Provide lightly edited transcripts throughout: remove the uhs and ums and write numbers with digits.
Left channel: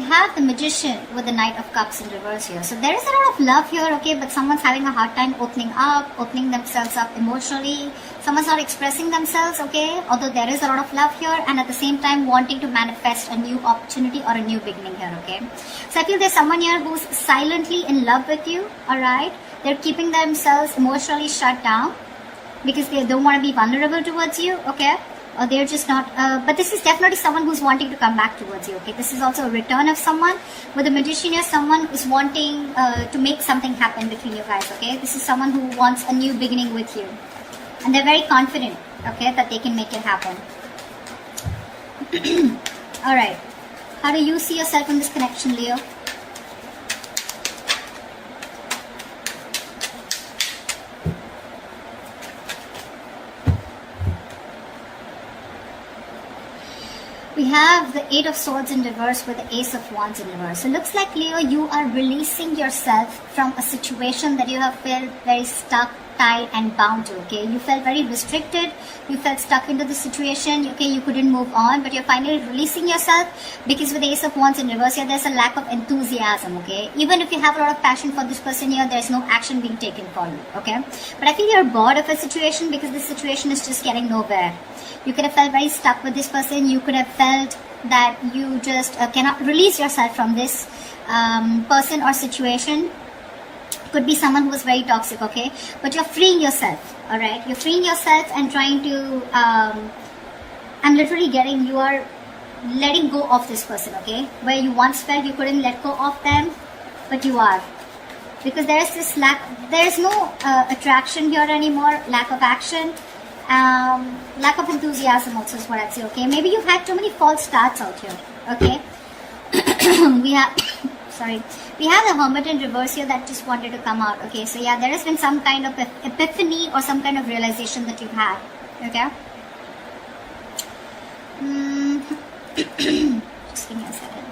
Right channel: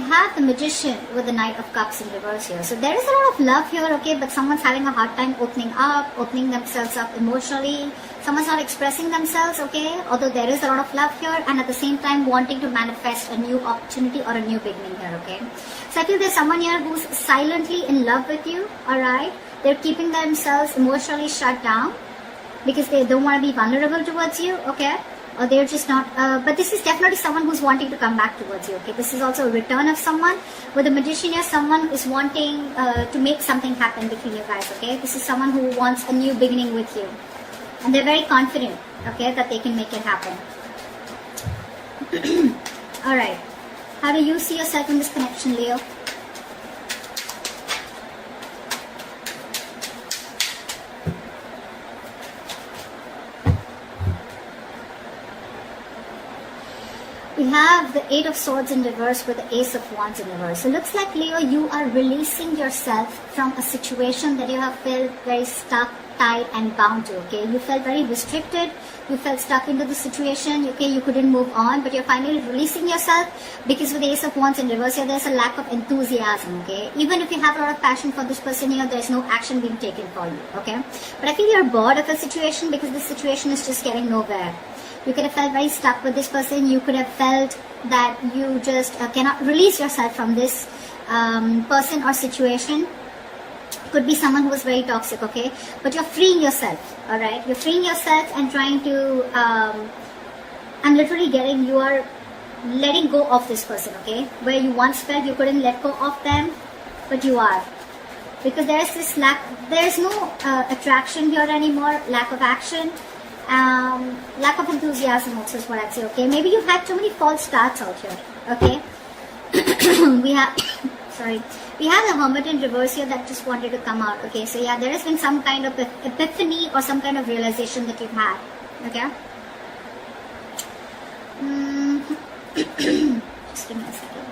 have the Magician with the Knight of Cups in reverse here. So there is a lot of love here, okay, but someone's having a hard time opening themselves up emotionally. Someone's not expressing themselves, okay, although there is a lot of love here, and at the same time wanting to manifest a new opportunity or a new beginning here, okay. So I feel there's someone here who's silently in love with you, alright. They're keeping themselves emotionally shut down because they don't want to be vulnerable towards you, okay. Or they're just not, but this is definitely someone who's wanting to come back towards you, okay. This is also a return of someone. With the Magician here, someone who's wanting to make something happen between you guys, okay. This is someone who wants a new beginning with you. And they're very confident, okay, that they can make it happen. Alright. How do you see yourself in this connection, Leo? We have the Eight of Swords in reverse with the Ace of Wands in reverse. So it looks like, Leo, you are releasing yourself from a situation that you have felt very stuck, tied and bound to, okay. You felt very restricted, you felt stuck into the situation, okay, you couldn't move on, but you're finally releasing yourself because with the Ace of Wands in reverse here, there's a lack of enthusiasm, okay. Even if you have a lot of passion for this person here, there's no action being taken for you, okay. But I feel you're bored of a situation because the situation is just getting nowhere. You could have felt very stuck with this person. You could have felt that you just cannot release yourself from this person or situation. Could be someone who is very toxic, okay? But you're freeing yourself, alright? You're freeing yourself and trying to, I'm literally getting, you are letting go of this person, okay? Where you once felt you couldn't let go of them, but you are. Because there is this there's no attraction here anymore, lack of action. Lack of enthusiasm also is what I'd say, okay? Maybe you had too many false starts out here, okay? we have the Hermit in reverse here that just wanted to come out, okay? So yeah, there has been some kind of epiphany or some kind of realization that you've had, okay? Just give me a second.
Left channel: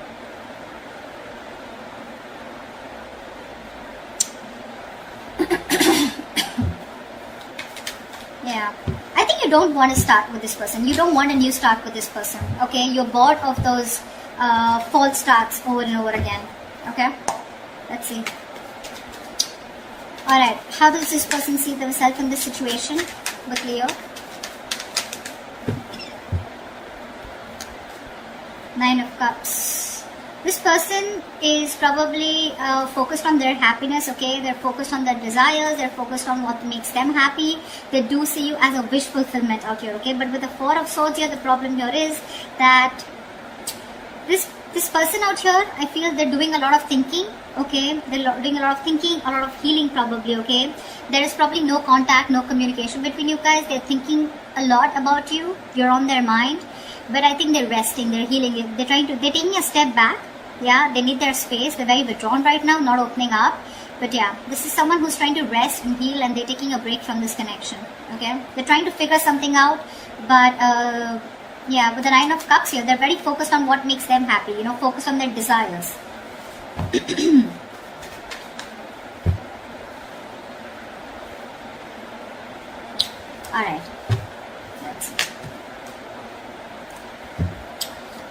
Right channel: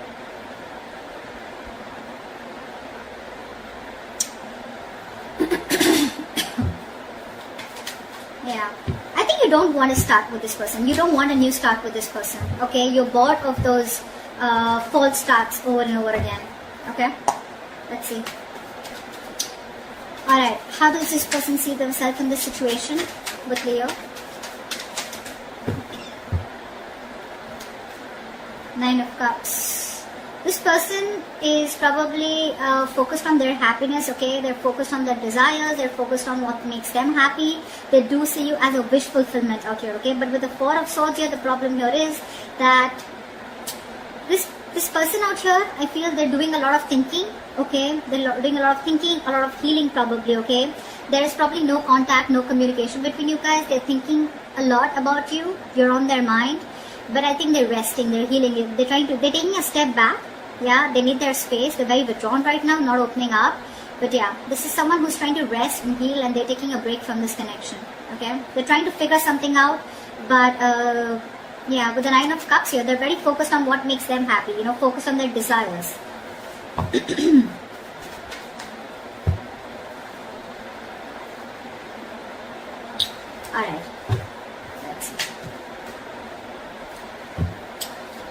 Yeah. I think you don't want to start with this person. You don't want a new start with this person. Okay? You're bored of those false starts over and over again. Okay? Let's see. Alright. How does this person see themselves in this situation with Leo? Nine of Cups. This person is probably focused on their happiness, okay? They're focused on their desires, they're focused on what makes them happy. They do see you as a wish fulfillment out here, okay? But with the Four of Swords here, the problem here is that this person out here, I feel they're doing a lot of thinking, okay? They're doing a lot of thinking, a lot of healing probably, okay? There is probably no contact, no communication between you guys. They're thinking a lot about you. You're on their mind. But I think they're resting, they're healing, they're taking a step back. Yeah, they need their space. They're very withdrawn right now, not opening up. But yeah, this is someone who's trying to rest and heal, and they're taking a break from this connection. Okay, they're trying to figure something out. But yeah, with the Nine of Cups here, they're very focused on what makes them happy. You know, focused on their desires. All right. Let's see.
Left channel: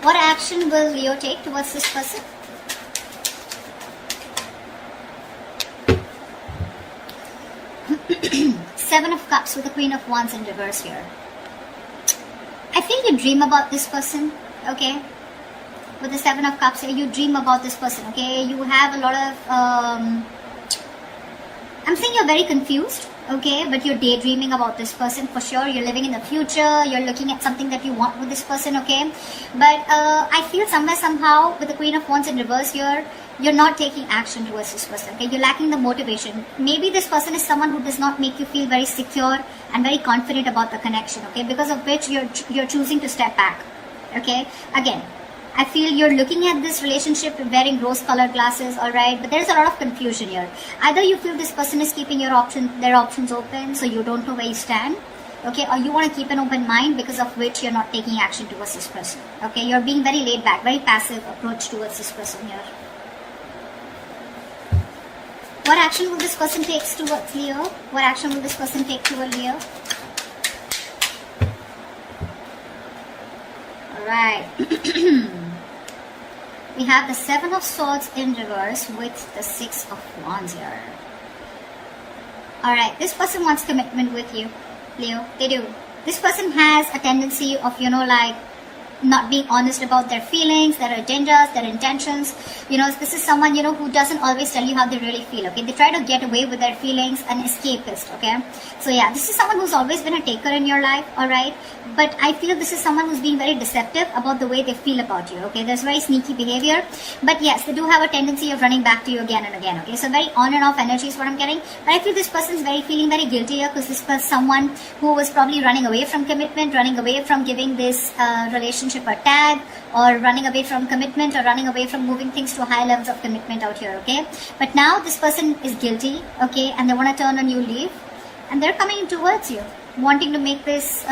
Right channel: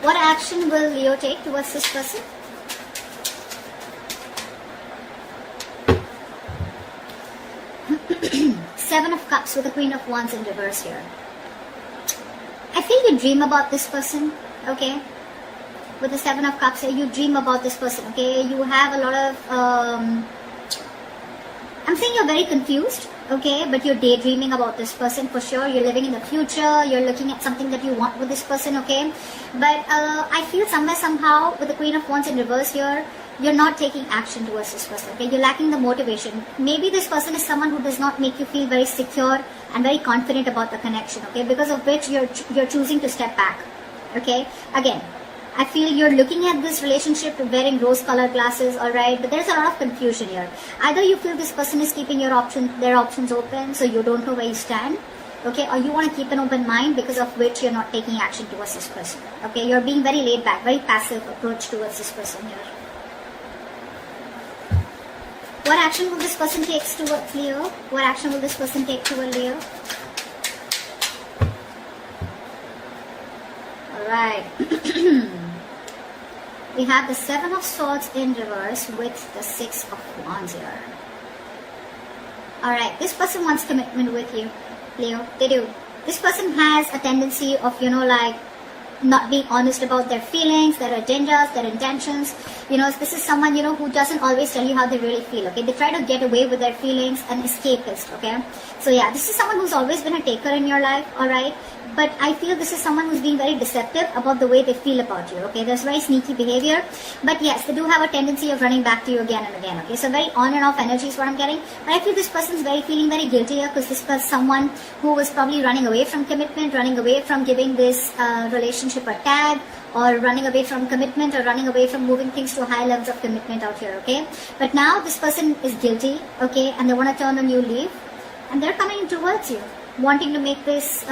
What action will Leo take towards this person? Seven of Cups with the Queen of Wands in reverse here. I think you dream about this person, okay? With the Seven of Cups here, you dream about this person, okay? You have a lot of, I'm saying you're very confused, okay? But you're daydreaming about this person for sure. You're living in the future. You're looking at something that you want with this person, okay? But I feel somewhere, somehow, with the Queen of Wands in reverse here, you're not taking action towards this person, okay? You're lacking the motivation. Maybe this person is someone who does not make you feel very secure and very confident about the connection, okay? Because of which you're choosing to step back, okay? Again, I feel you're looking at this relationship wearing rose-colored glasses, alright? But there's a lot of confusion here. Either you feel this person is keeping their options open, so you don't know where you stand, okay? Or you want to keep an open mind, because of which you're not taking action towards this person, okay? You're being very laid back, very passive approach towards this person here. What action will this person take towards Leo? What action will this person take towards Leo? Alright. We have the Seven of Swords in reverse with the Six of Wands here. Alright, this person wants commitment with you, Leo. They do. This person has a tendency of, like, not being honest about their feelings, their agendas, their intentions. This is someone, who doesn't always tell you how they really feel, okay? They try to get away with their feelings, an escapist, okay? So yeah, this is someone who's always been a taker in your life, alright? But I feel this is someone who's being very deceptive about the way they feel about you, okay? There's very sneaky behavior. But yes, they do have a tendency of running back to you again and again, okay? So very on and off energy is what I'm getting. But I feel this person's feeling very guilty here, because this was someone who was probably running away from commitment, running away from giving this relationship a tag, or running away from commitment, or running away from moving things to high levels of commitment out here, okay? But now this person is guilty, okay, and they want to turn on you, leave, and they're coming towards you, wanting to make this,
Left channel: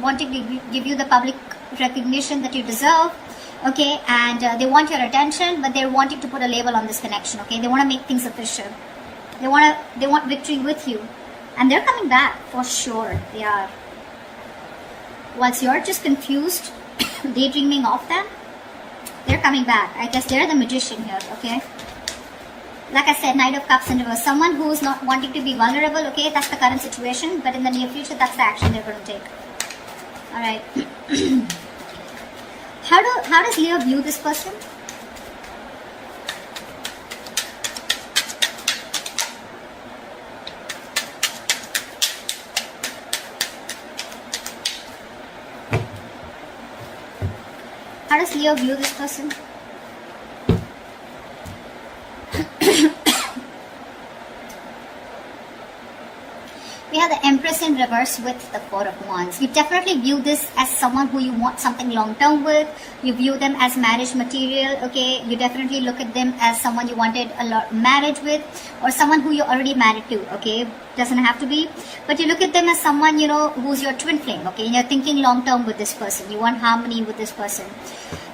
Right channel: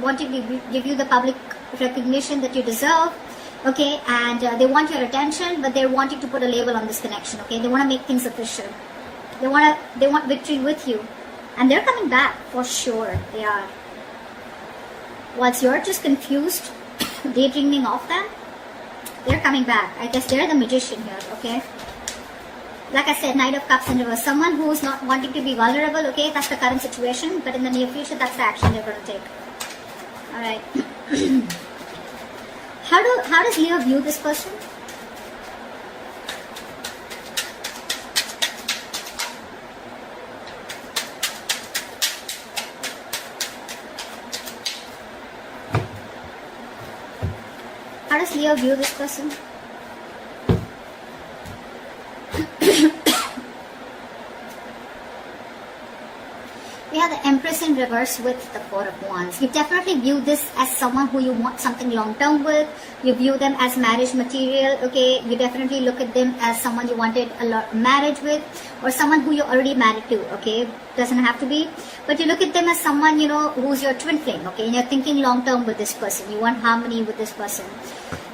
wanting to give you the public recognition that you deserve, okay, and they want your attention, but they want you to put a label on this connection, okay? They want to make things official. They want victory with you, and they're coming back for sure. They are. Whilst you're just confused, daydreaming of them, they're coming back. I guess they're the magician here, okay? Like I said, Knight of Cups in reverse. Someone who is not wanting to be vulnerable, okay? That's the current situation, but in the near future, that's the action they're going to take. Alright. How does Leo view this person? How does Leo view this person? We have the Empress in reverse with the Four of Wands. You definitely view this as someone who you want something long-term with. You view them as marriage material, okay? You definitely look at them as someone you wanted a lot marriage with, or someone who you're already married to, okay? Doesn't have to be. But you look at them as someone, who's your twin flame, okay? And you're thinking long-term with this person. You want harmony with this person.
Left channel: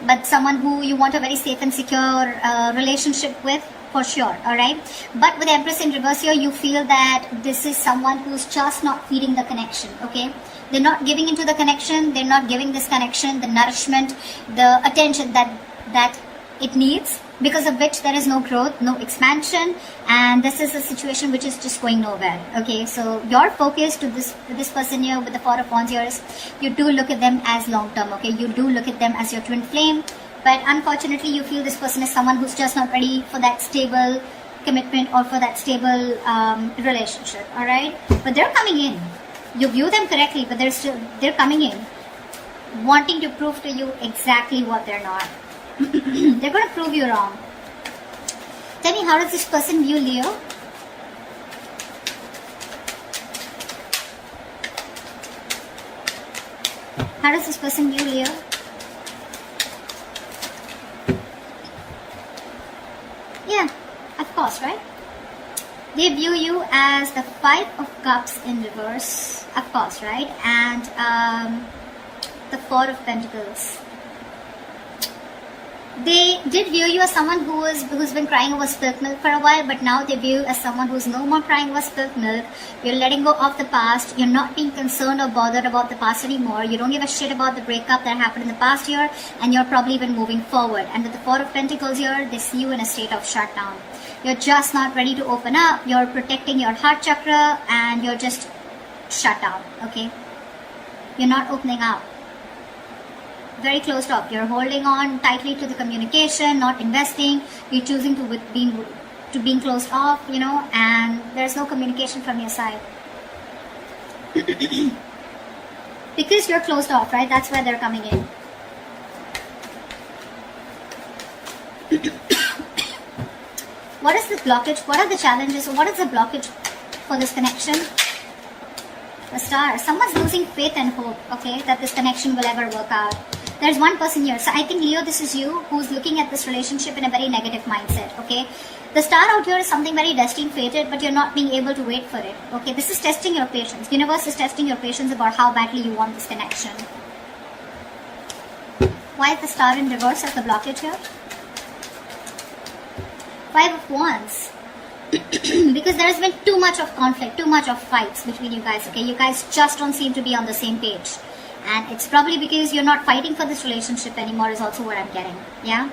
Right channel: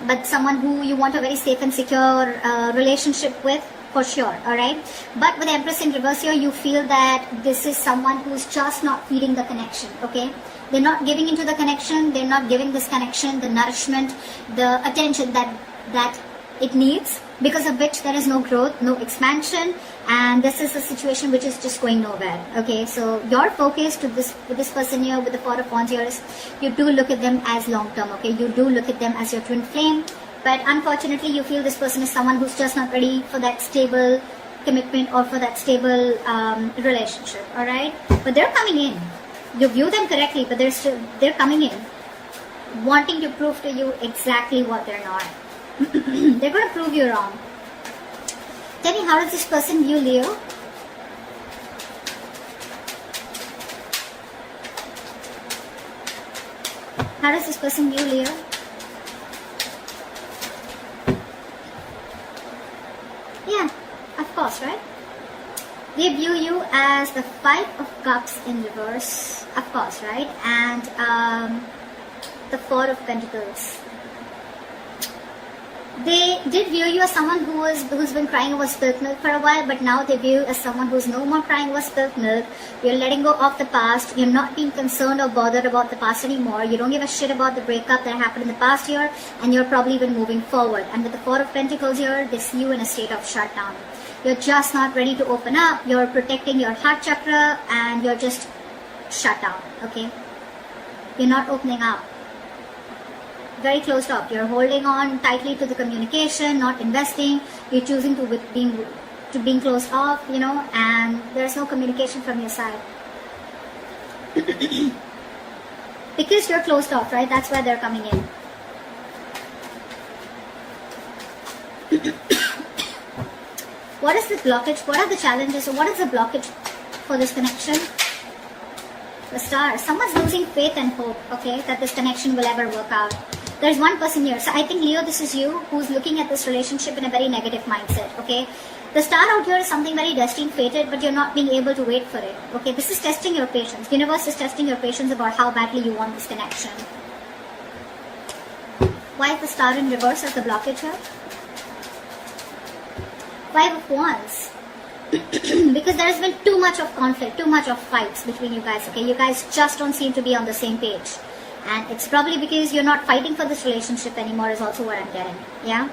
But someone who you want a very safe and secure relationship with, for sure, alright? But with Empress in reverse here, you feel that this is someone who's just not feeding the connection, okay? They're not giving into the connection, they're not giving this connection the nourishment, the attention that it needs, because of which there is no growth, no expansion, and this is a situation which is just going nowhere, okay? So your focus to this person here with the Four of Wands here is, you do look at them as long-term, okay? You do look at them as your twin flame. But unfortunately, you feel this person is someone who's just not ready for that stable commitment or for that stable relationship, alright? But they're coming in. You view them correctly, but they're coming in, wanting to prove to you exactly what they're not. They're going to prove you wrong. Tell me, how does this person view Leo? How does this person view Leo? Yeah, of course, right? They view you as the Five of Cups in reverse, of course, right? And the Four of Pentacles. They did view you as someone who's been crying over spilt milk for a while, but now they view you as someone who's no more crying over spilt milk. You're letting go of the past. You're not being concerned or bothered about the past anymore. You don't give a shit about the breakup that happened in the past year, and you're probably even moving forward. And with the Four of Pentacles here, they see you in a state of shutdown. You're just not ready to open up. You're protecting your heart chakra, and you're just shut down, okay? You're not opening up. Very closed off. You're holding on tightly to the communication, not investing. You're choosing to being closed off, and there's no communication from your side. Because you're closed off, right? That's why they're coming in. What is the blockage? What are the challenges? What is the blockage for this connection? The Star. Someone's losing faith and hope, okay, that this connection will ever work out. There's one person here. So I think, Leo, this is you who's looking at this relationship in a very negative mindset, okay? The Star out here is something very destined, fated, but you're not being able to wait for it, okay? This is testing your patience. Universe is testing your patience about how badly you want this connection. Why is the Star in reverse as the blockage here? Five of Wands. Because there's been too much of conflict, too much of fights between you guys, okay? You guys just don't seem to be on the same page. And it's probably because you're not fighting for this relationship anymore is also what I'm getting, yeah?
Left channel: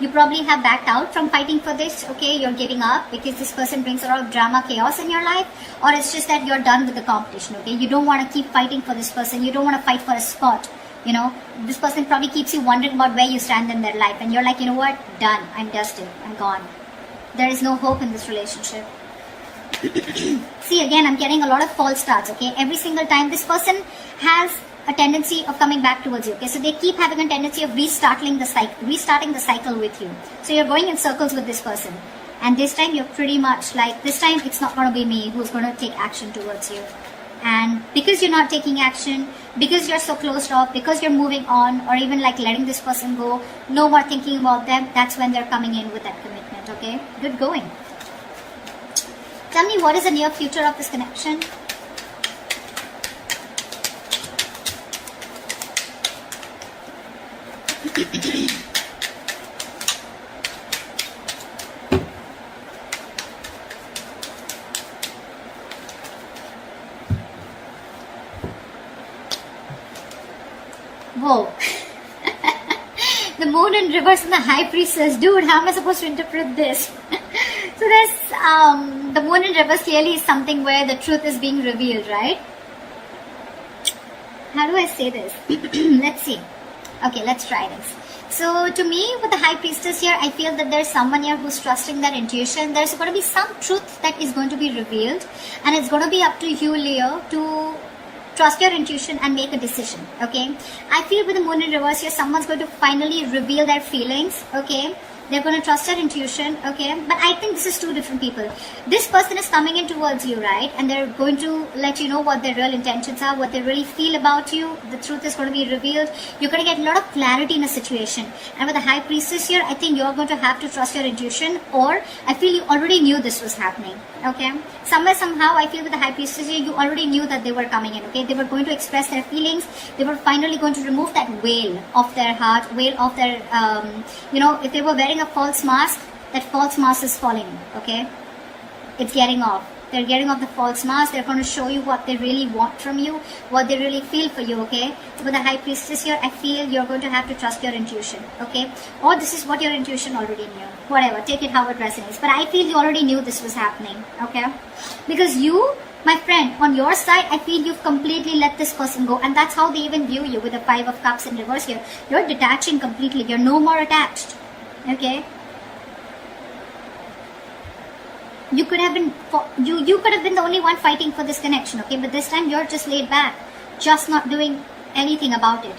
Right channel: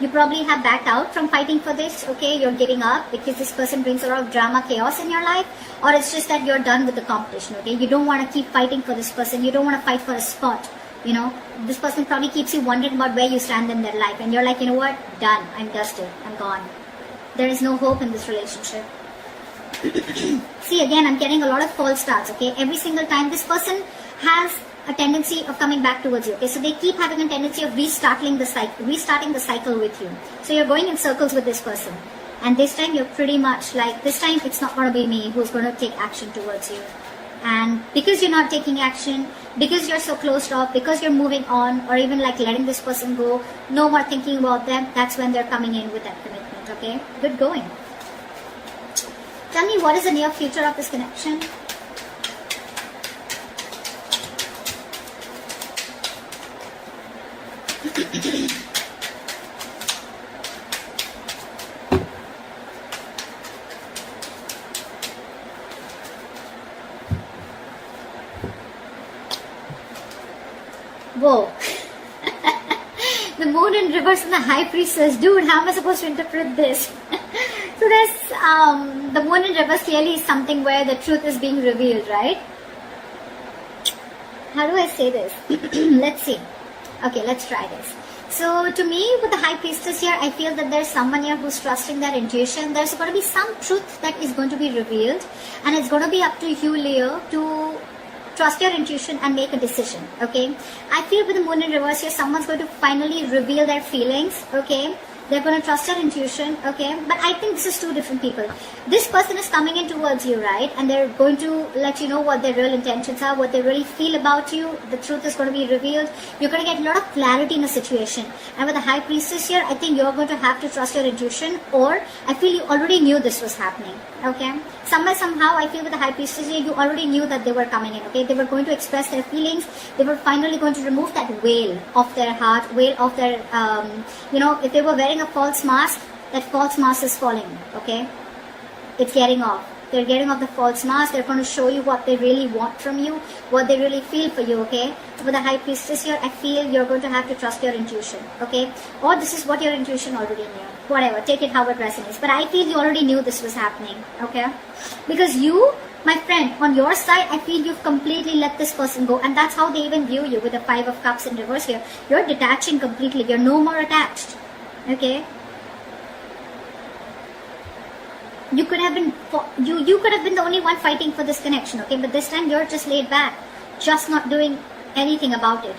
You probably have backed out from fighting for this, okay? You're giving up because this person brings a lot of drama, chaos in your life, or it's just that you're done with the competition, okay? You don't want to keep fighting for this person. You don't want to fight for a spot, you know? This person probably keeps you wondering about where you stand in their life, and you're like, you know what? Done. I'm dusted. I'm gone. There is no hope in this relationship. See, again, I'm getting a lot of false starts, okay? Every single time this person has a tendency of coming back towards you, okay? So they keep having a tendency of restarting the cycle with you. So you're going in circles with this person. And this time you're pretty much like, this time it's not going to be me who's going to take action towards you. And because you're not taking action, because you're so closed off, because you're moving on, or even like letting this person go, no more thinking about them, that's when they're coming in with that commitment, okay? Good going. Tell me, what is the near future of this connection? Whoa. The moon in reverse and the high priestess. Dude, how am I supposed to interpret this? So that's, the moon in reverse clearly is something where the truth is being revealed, right? How do I say this? Let's see. Okay, let's try this. So to me, with the high priestess here, I feel that there's someone here who's trusting their intuition. There's going to be some truth that is going to be revealed, and it's going to be up to you, Leo, to trust your intuition and make a decision, okay? I feel with the moon in reverse here, someone's going to finally reveal their feelings, okay? They're going to trust their intuition, okay? But I think this is two different people. This person is coming in towards you, right? And they're going to let you know what their real intentions are, what they really feel about you. The truth is going to be revealed. You're going to get a lot of clarity in a situation. And with the high priestess here, I think you're going to have to trust your intuition, or I feel you already knew this was happening, okay? Somewhere, somehow, I feel with the high priestess here, you already knew that they were coming in, okay? They were going to express their feelings. They were finally going to remove that veil of their heart, veil of their, if they were wearing a false mask, that false mask is falling, okay? It's getting off. They're getting off the false mask. They're going to show you what they really want from you, what they really feel for you, okay? So for the high priestess here, I feel you're going to have to trust your intuition, okay? Or this is what your intuition already knew. Whatever, take it how it resonates. But I feel you already knew this was happening, okay? Because you, my friend, on your side, I feel you've completely let this person go. And that's how they even view you with the 5 of Cups in reverse here. You're detaching completely. You're no more attached, okay? You could have been the only one fighting for this connection, okay? But this time you're just laid back, just not doing anything about it.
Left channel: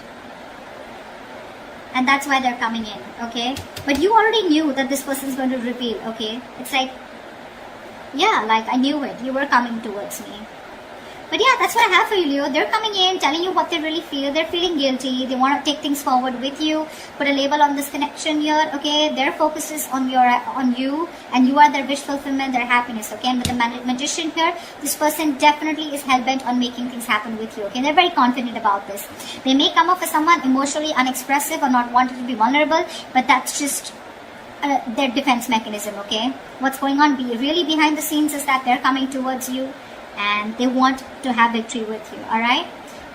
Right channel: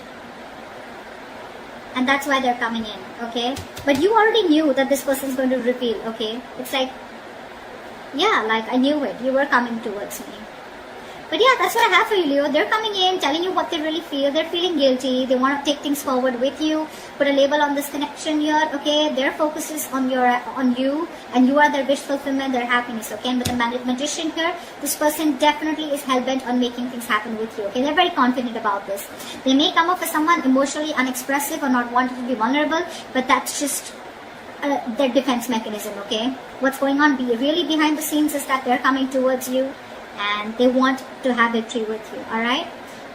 And that's why they're coming in, okay? But you already knew that this person is going to reveal, okay? It's like, yeah, like I knew it. You were coming towards me. But yeah, that's what I have for you, Leo. They're coming in, telling you what they really feel. They're feeling guilty. They want to take things forward with you. Put a label on this connection here, okay? Their focus is on you, and you are their wish fulfillment, their happiness, okay? And with the magician here, this person definitely is hell-bent on making things happen with you, okay? They're very confident about this. They may come up as someone emotionally unexpressive or not wanting to be vulnerable, but that's just their defense mechanism, okay? What's going on really behind the scenes is that they're coming towards you, and they want to have victory with you, alright?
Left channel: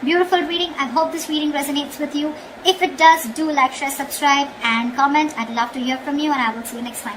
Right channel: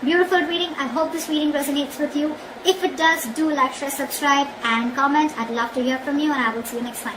Beautiful reading. I hope this reading resonates with you. If it does, do like, share, subscribe, and comment. I'd love to hear from you, and I will see you next time.